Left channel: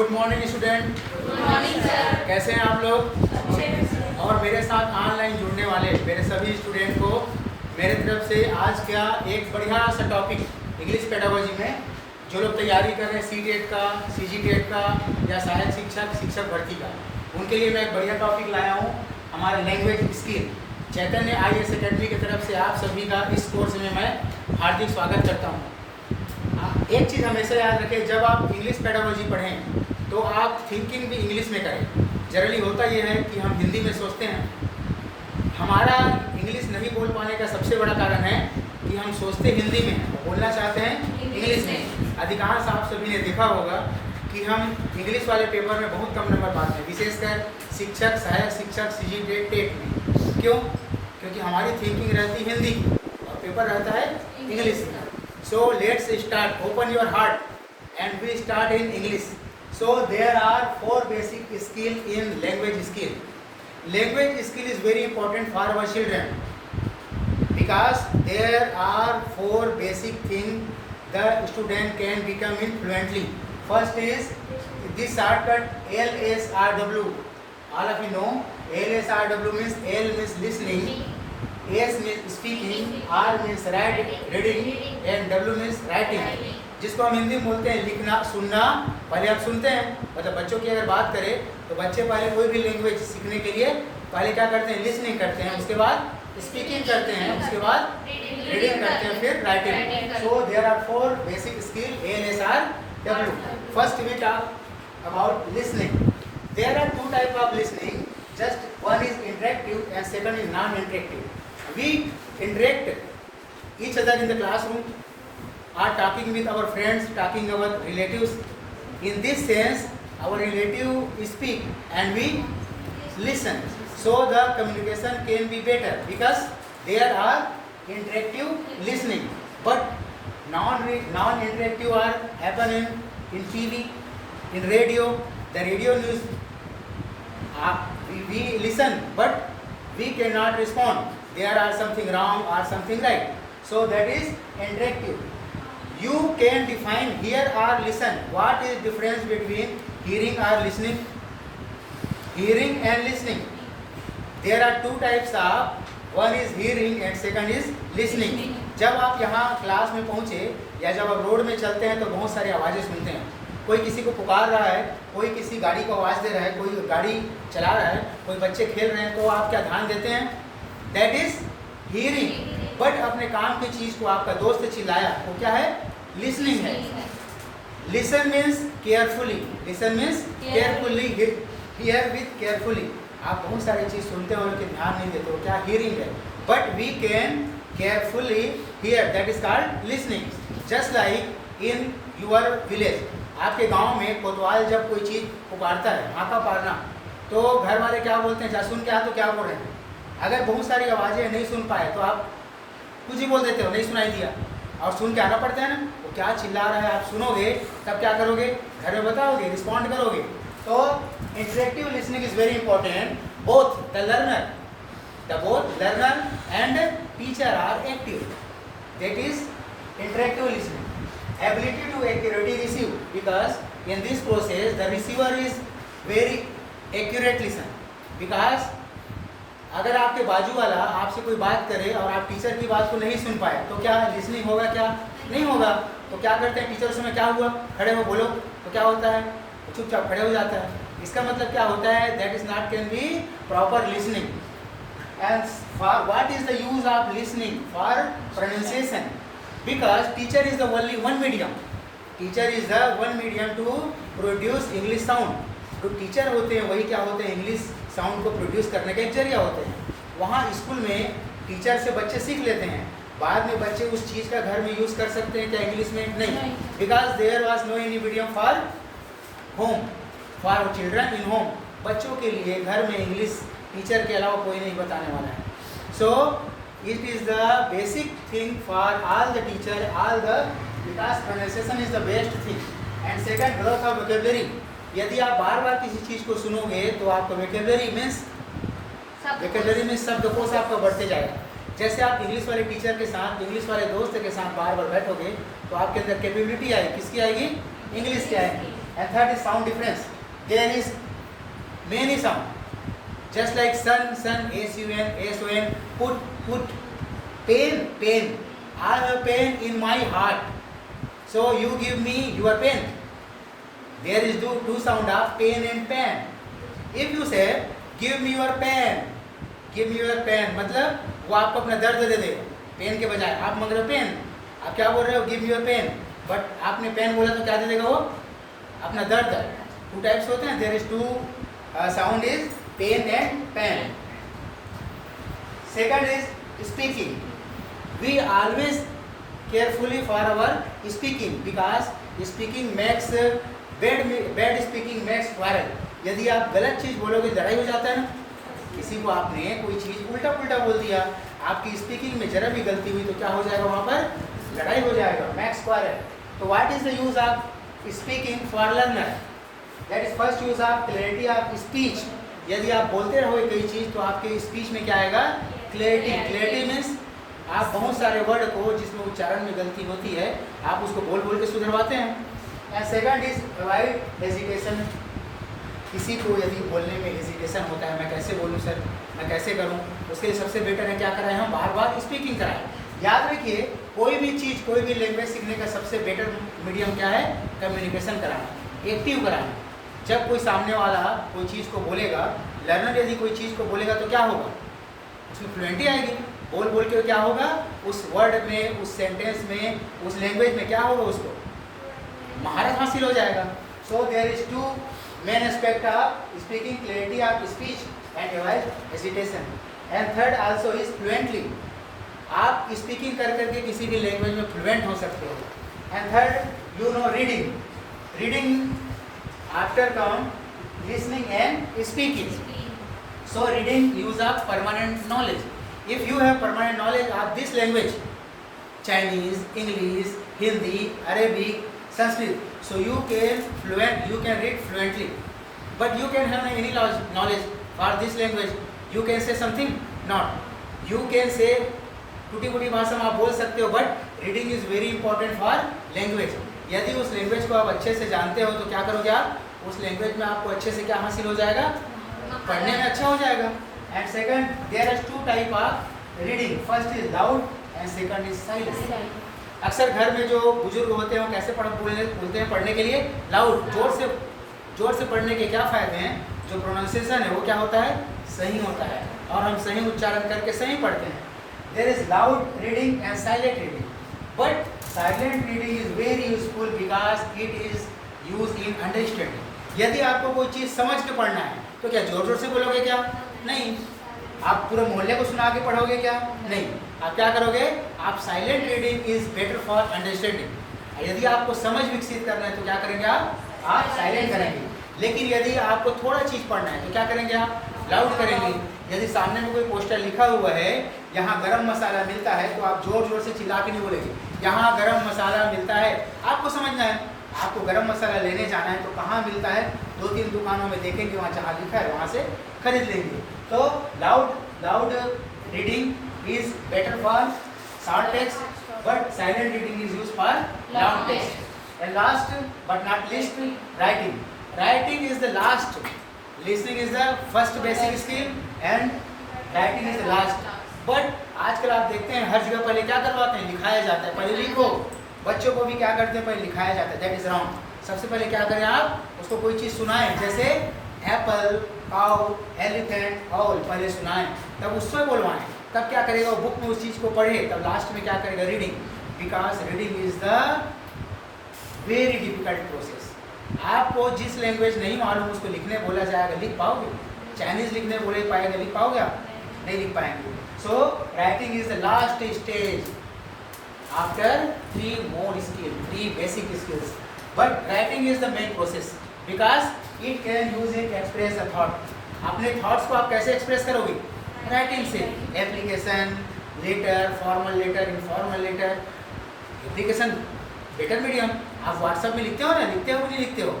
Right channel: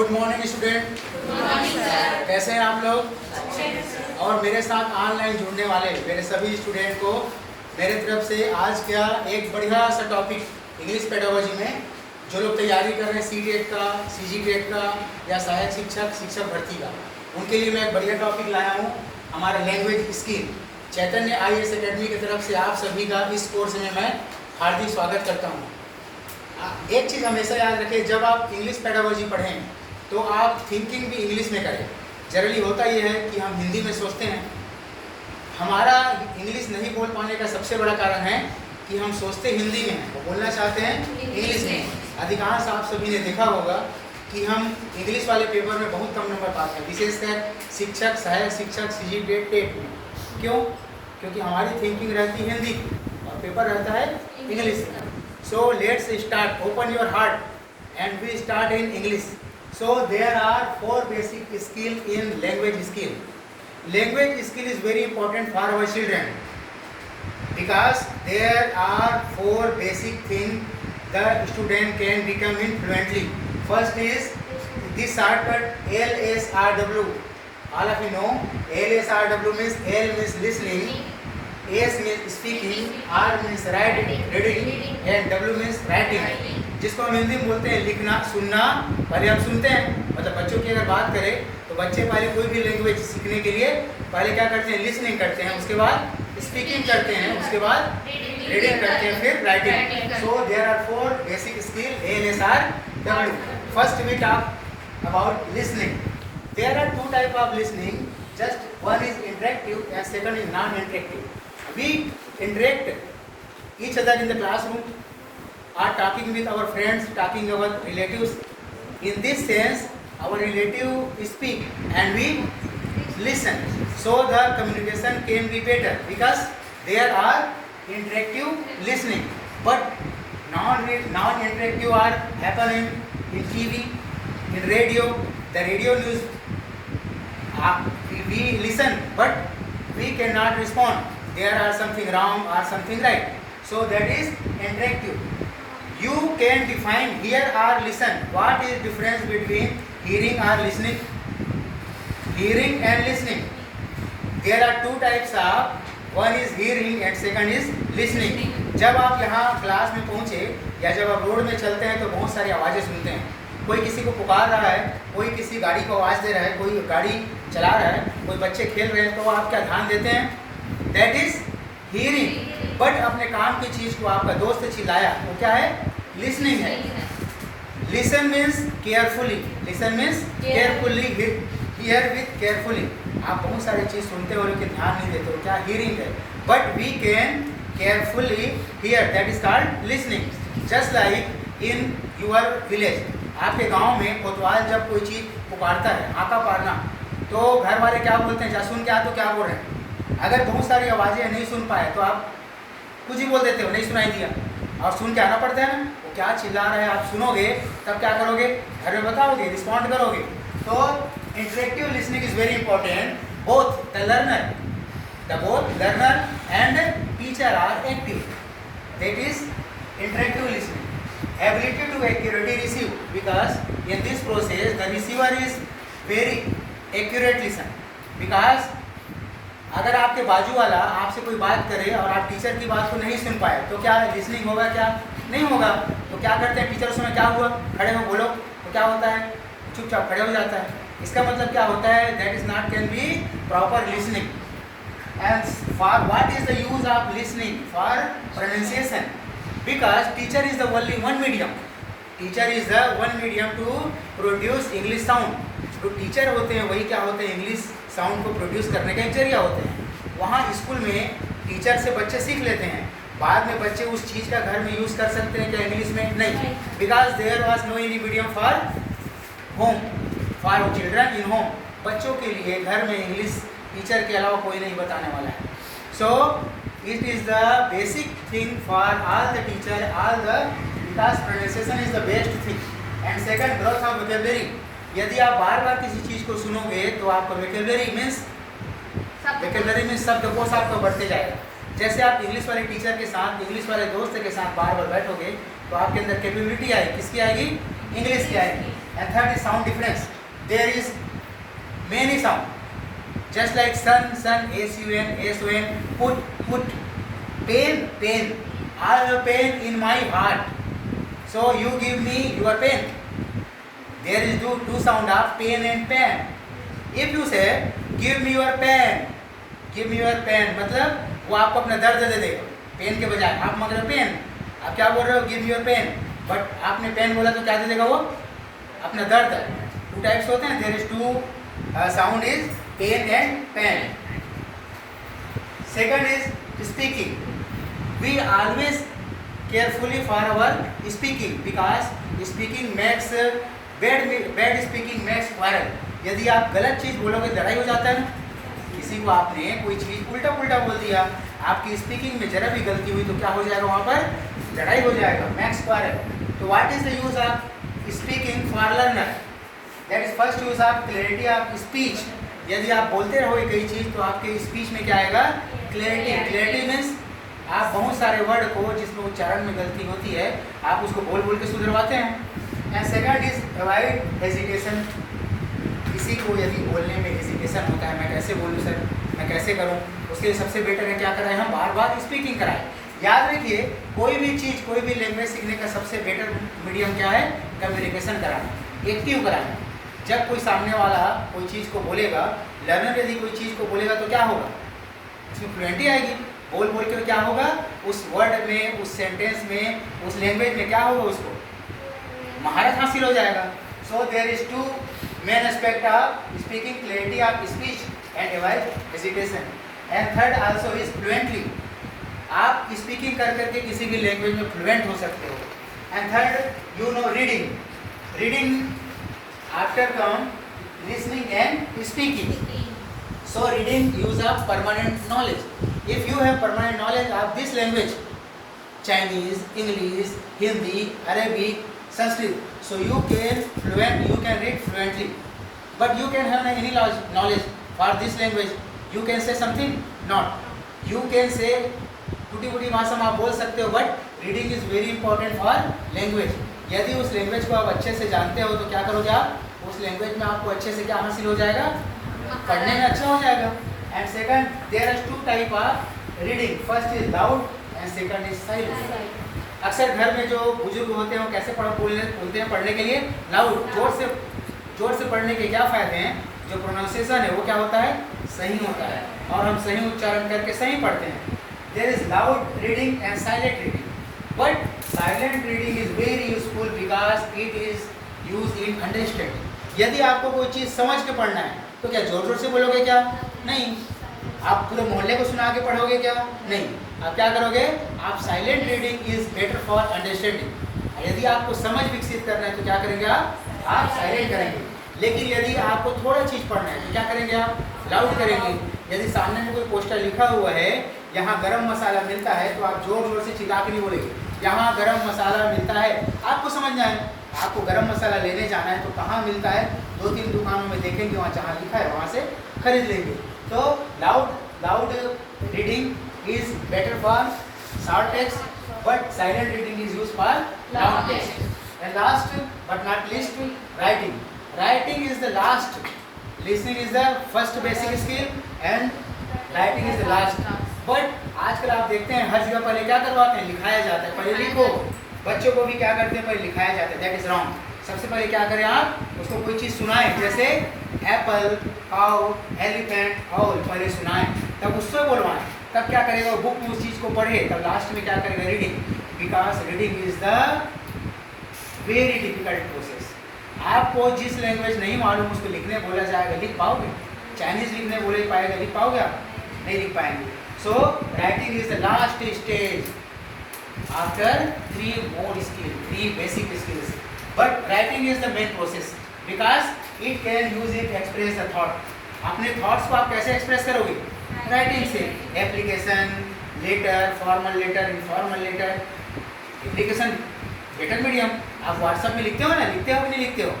Good morning student. Good morning sir. कैसे हैं आप लोग? अच्छे हैं सर। और मेरे साथ ऑनलाइन जुड़ने वाले मेरे सभी स्टूडेंट को मेरे तरफ से आज क्या एक बढ़िया सा टॉपिक इंग्लिश पेडागोजी में जो लोग तैयारी कर रहे हैं CTET का, CGTET का या सहायक शिक्षक भर्ती का, उनके लिए मैं एक बढ़िया टॉपिक लाया हूँ। हमारा लैंग्वेज स्किल चैतन्य IAS एकेडमी की तरफ से आप सभी का इस कोर्स में मैं हार्दिक स्वागत करता हूँ। एक चीज़ हमेशा याद रखें, जब आप इंग्लिश पेडागोजी पढ़ें तो आप थिंकिंग भी इंग्लिश में करें। जनरली होता यह है कि हम हिंदी में सोचते हैं। हमारा इंग्लिश नहीं बोल पाने का सबसे बड़ा कारण है कि हम सोचते हिंदी में और बोलना चाहते हैं इंग्लिश में। अधिकांश आप सभी ने देखा होगा कि हम इंग्लिश वाले पेपर में बहुत कम नंबर पाते हैं, विशेषकर शिक्षक, सहायक शिक्षक, CGTET में। क्यों? क्योंकि हमारी थिंकिंग रहती है हिंदी और पेपर रहता है इंग्लिश में। So let's start. Open your heart and we start in English. So there are 4 basic skill in language skill. Language skill is very important for our children because there are 4 basic things the student can become fluently. First is this shortcut LSRW. All of you know LSRW means L means listening, S means speaking, R means reading and W means writing. जिसको हम हिंदी में बोलते हैं लिखना, सुनना। पहले हम सुनते हैं, मतलब बच्चों की अगर बात करें तो बच्चे पहले कोई भी लैंग्वेज सीखने के लिए पहले क्या करते हैं, लिसनिंग करते हैं, उसके बाद स्पीकिंग करते हैं, उसके बाद रीडिंग करते हैं, फिर writing. So there are 4 basic skill LSRW. First we talk about listening. There are 2 type of listening. Just one is interactive and second is non-interactive. We interact each other in the classroom, are talking with our friends, talking our relatives. In this sense, our relative speak and we listen. So the communication can be better because there are interactive listening. But non-interactive are happening in TV, in radio, the radio news. We listen but we cannot respond. There are something wrong or something right. So that is interactive. You can define hear or listen. What is difference between hearing or listening? Hearing and listening. There are 2 types of. One is hearing and second is listening. जब आप यहाँ class में पहुँचे या जब आप road में चलते हैं तो बहुत सारी आवाज़ें सुनते हैं। कोई किसी को पुकार रहा है, कोई किसी गाड़ी को आवाज़ दे रहा है, कोई गाड़ी चला रहा है, कोई बच्चे खेल रहे हैं, तो आप क्या ध्यान देते हैं? That is hearing. बट अपने काम की चीज़ को आपका दोस्त चिल्लाया वो क्या है? लिसनिंग है. Listen means carefully. Listen means carefully. Here with carefully. आप बहुत सारी चीज़ सुनते हो लेकिन ध्यान नहीं देते हो, क्या? हियरिंग है. But we can carefully hear, that is called listening. Just like in your village. आपके गांव में कोतवाल जब कोई चीज़ पुकारता है, हाका पारना, तो घर वाले क्या बोलते हैं? जा सुन के आ, तो क्या बोल रहे हैं? अगर बहुत सारी आवाज़ें नहीं सुन पाए तो आप कुछ ही बोल देते हो, नहीं सुनाई दिया, और सुन के आना पड़ता है ना, वो क्या चिल्ला रहा है आप सुनोगे, तब क्या करोगे? घर में बताओगे, रिस्पॉन्ड करोगे. तो interactive listening is very important. Both the learner and teacher are active. That is interactive listening. Ability to accurately receive, because in this process the receiver is very accurate listen. Because अगर आपके बाजू वाला आपसे कोई बात करे और आप टीचर की बात को नहीं सुन पाए तो क्या लिसनिंग होगा? क्या नहीं होगा. तो क्या करते हैं टीचर? उसमें क्या हुआ, खड़े हो बोलो, तो क्या होता है? चुपचाप खड़े हो जाता है. इसका मतलब क्या होता है? That is not can be proper listening. And for what is the use of listening? For pronunciation. Because teacher is the only one medium. Teacher is the one medium to produce English sound. जो teacher होते हैं वही क्या होते हैं? English sound को produce करने का एक जरिया होते हैं. वहाँ स्कूल में टीचर से बच्चे सीख लेते हैं, बाद में बच्चे उस चीज़ का घर में यूज़ कर सकते हैं क्या इंग्लिश में? नहीं. Because there was no any medium for home, for children in home. बच्चों के लिए घर में इंग्लिश टीचर के अलावा कोई नहीं बताने वाला है. सो it is the basic thing for all the teacher, all the, because pronunciation is the best thing. And second, growth of vocabulary. यदि आप बार बार किसी चीज़ को सुनोगे तो आपका vocabulary means शब्दकोश आपका बढ़ते जाएगा. जैसे आप इंग्लिश वाले टीचर के साथ, इंग्लिश वाले दोस्त के साथ बार बार बैठोगे तो आपके अंदर कैपेबिलिटी आएगी. किसकी आएगी? इंग्लिश की आएगी. And third is sound difference. There is many sound. Just like sun, sun, S-U-N, S-O-N, put, put, pain, pain. I have pain in my heart. So you give me your pain. There is two sound of pain and pen. If you say, give me your pen, give me your pen, मतलब वो आपको अपना दर्द दे देगा pen के बजाय. आप मांग रहे हो पेन, आप क्या बोल रहे हो, give me your pen, but आपने पेन बोला तो क्या दे देगा वो, अपना दर्द. टू टाइप्स होते हैं. There is two sound is pen and pen. Second is speaking. We always carefully for our speaking because speaking makes bad speaking makes viral. यदि आप गलत चीज़ बोलोगे लड़ाई हो जाता है ना. किसी को आपने कोई चीज़ उल्टा पुल्टा बोल दिया, आपकी स्पीकिंग में जरा भी गलती हुई तो क्या हो जाएगा, वहाँ पर लड़ाई हो जाएगा, मैक्स वायरल. तो what is the use of speaking for learner? That is first use of clarity of speech. यदि आप बोलते रहोगे कई चीज़ तो आपके स्पीच में क्या आएगा, क्लैरिटी. क्लैरिटी मीन्स आप बहुत सारे वर्ड को जिसमें उच्चारण में गलती होती है आप उसको बोल बोल के सुधरवाते हैं. And second is avoid hesitation. किसी को यदि बोलने में हेजिटेशन होता है, मैं कैसे बोलूँ सर, मैं कैसे करूँ, उसके लिए सबसे बेटर है क्या कराएं, हम बार बार स्पीकिंग कराएं. याद रखिए कोई भी चीज़, कोई भी लैंग्वेज सीखने का सबसे बेटर मीडियम क्या है, कम्युनिकेशन कराना, एक्टिव कराना. जब कोई सामने वाला कोई चीज़ को बोलेगा, लर्नर यदि कोई चीज़ को बोलेगा तो क्या होगा, उसमें फ्लुएंटी आएगी. बोल बोल के क्या होगा, उस वर्ड में, उस सेंटेंस में, उस लैंग्वेज में क्या होगा, उसको महारत हासिल हो जाएगा. So there is two main aspect of speaking, clarity of speech and avoid hesitation. And third also is fluently. आप स्पीकिंग कर करके किसी भी लैंग्वेज में फ्लुएंट हो सकते हो. And third you know reading. Reading after come listening and speaking. So reading use of permanent knowledge. If you have permanent knowledge of this language, Chinese, English, Hindi, Arabic, Sanskrit, so you can read fluently. But you can have any knowledge for this language. You can say something, not. You can say टूटी-फूटी भाषा में आप बोल सकते हो, but reading is very important for language. यदि उस language को आप अच्छे से जानते हो तो क्या करोगे आप, उस लैंग्वेज में आपको अच्छे से क्या हासिल हो जाएगा, पढ़ने में अच्छा हो जाएगा. And second there are two type of reading. First is loud and second is silent. अक्सर घर में जो बुजुर्ग होते हैं वो कैसे बोलते हैं पढ़ने के लिए, लाउड, जोर से पढ़ने के क्या फ़ायदे हैं, जो प्रोनाउंसिएशन है वो क्या होता है, सही होता है और हम सही उच्चारण करके सही पढ़ते हैं. There is loud reading and silent reading. But silent reading is very useful because it is use in understanding. यदि आपको कोई चीज़ समझ के पढ़ना है तो क्या जोर जोर से बोलोगे क्या, नहीं. आप पूरे मोहल्ले को सुना के पढ़ोगे क्या, नहीं. आप क्या करोगे, आप silent reading is better for understanding. यदि आपको समझ विकसित करना है तो क्या करेंगे आप साइलेंट करेंगे. लेकिन यदि आपको थोड़ा चीज़ पढ़ना है तो क्या करेंगे आप, लाउड करेंगे. यदि सामने में कोई पोस्टर लिखा हुआ है यहाँ गरम मसाला मिलता है तो आप जोर जोर से चिल्ला के नहीं बोलेंगे. यहाँ गरम मसाला मिलता है, आपको समझना है, आपको गरम मसाला लेने जाना है तो कहाँ मिलता है, 2-3 दुकानों में देखेंगे, वहाँ जहाँ लिखा है वहाँ से खरीद लेंगे. तो loud reading is better for short text, but silent reading is use for long text. And last but not least, writing. Writing is the last. Listening is the first basic skill and writing is the last. But आजकल आप देखते हैं हर जगह पहले क्या करवाते हैं, लिखाया जाता है. पहले लिखो. बच्चों को भी क्या करते हैं, पहले लिखाया जाता है. That is wrong. सबसे पहले क्या करें आप, उसको कोई चीज़ सुनाएं, जैसे एप्पल, काउ, एलिफेंट, ऑल, पहले सुनाएं, तब उससे बोलवाएं. तब क्या करेगा, वो बुक में उस चीज़ को पढ़े, तब लास्ट में क्या करेगा, reading. Because reading is the very difficult process. आपको जिस लैंग्वेज नहीं मालूम उसको लिखने बोला जाएगा, लिख पाओगे. चाइनीज़ लिखने बोले पाएगा, लिख पाओगे आप, नहीं लिख पाएंगे. So writing is the last stage after 3 more skills, 3 basic skills. But writing is the main process because it can use it to express the thought. अपने thoughts को आप कैसे express करोगे, writing से. application, letter, formal letter, informal letter. application better medium. आप WhatsApp में लिखते हो ना, लिखते हो नहीं लिखते हो,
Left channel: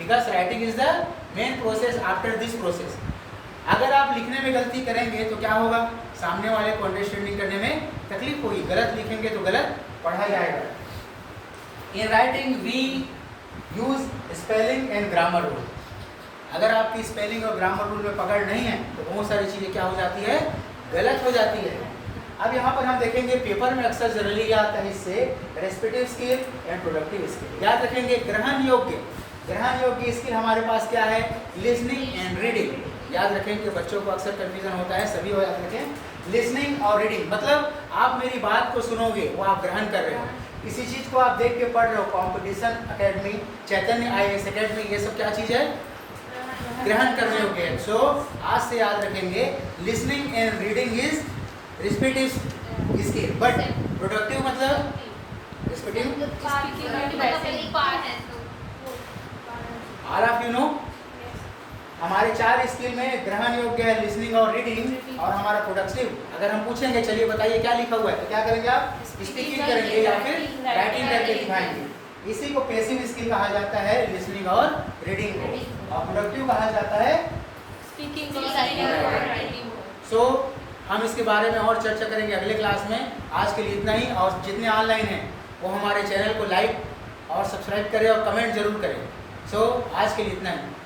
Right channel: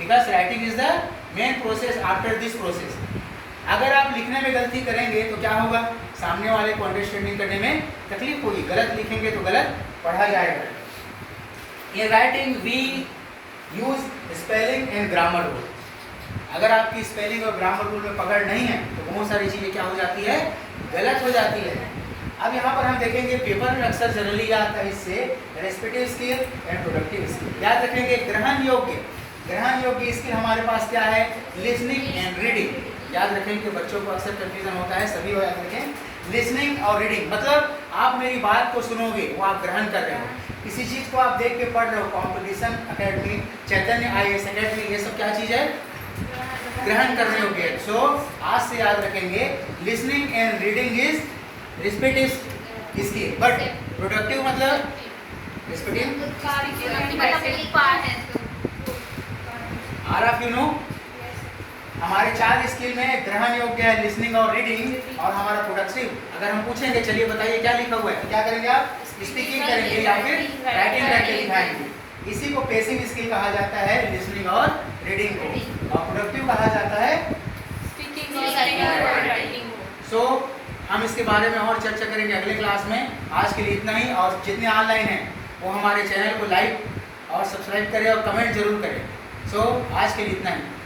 because writing is the main process after this process. अगर आप लिखने में गलती करेंगे तो क्या होगा, सामने वाले को अंडरस्टैंडिंग करने में तकलीफ होगी. गलत लिखेंगे तो गलत पढ़ा जाएगा. In writing we use spelling and grammar rule. अगर आपकी स्पेलिंग और ग्रामर रूल में पकड़ नहीं है तो बहुत सारी चीज़ें क्या हो जाती है, गलत हो जाती है। अब यहाँ पर हम देखेंगे पेपर में अक्सर जनरली आता है इससे respective skill and productive skill. याद रखेंगे ग्रहण योग्य स्किल हमारे पास क्या है, लिसनिंग एंड रीडिंग। याद रखेंगे, बच्चों को अक्सर कंफ्यूजन होता है, सभी को याद रखें। लिसनिंग और रीडिंग मतलब आप मेरी बात को सुनोगे, वो आप ग्रहण कर रहे हो। किसी चीज़ को आप देख के पढ़ रहे हो, कॉम्पिटिशन अकेडमी, चैतन्य IAS अकेडमी, ये सब क्या चीज़ है, ग्रहण करने योग्य है। सो आज से याद रखेंगे listening and reading is respective skill, but productive मतलब आर ऑफ यू नो हमारे 4 स्किल में ग्रहण योग्य है लिसनिंग और रीडिंग, और हमारा प्रोडक्टिव। अगर हम पूछेंगे चलिए बताइए क्या लिखा हुआ है, तो क्या करेंगे आप, स्पीकिंग करेंगे या फिर राइटिंग करके दिखाएंगे। इसी को पेसिंग स्किल कहा जाता है, लिसनिंग और रीडिंग को, और प्रोडक्टिव कहा जाता है स्पीकिंग। सो हम इसके बारे में और चर्चा करेंगे अगले क्लास में। आज के लिए इतना ही, और जितने ऑनलाइन हैं वो हमारे चैनल को लाइक और सब्सक्राइब करें और कमेंट जरूर करें। सो आज के लिए इतना ही।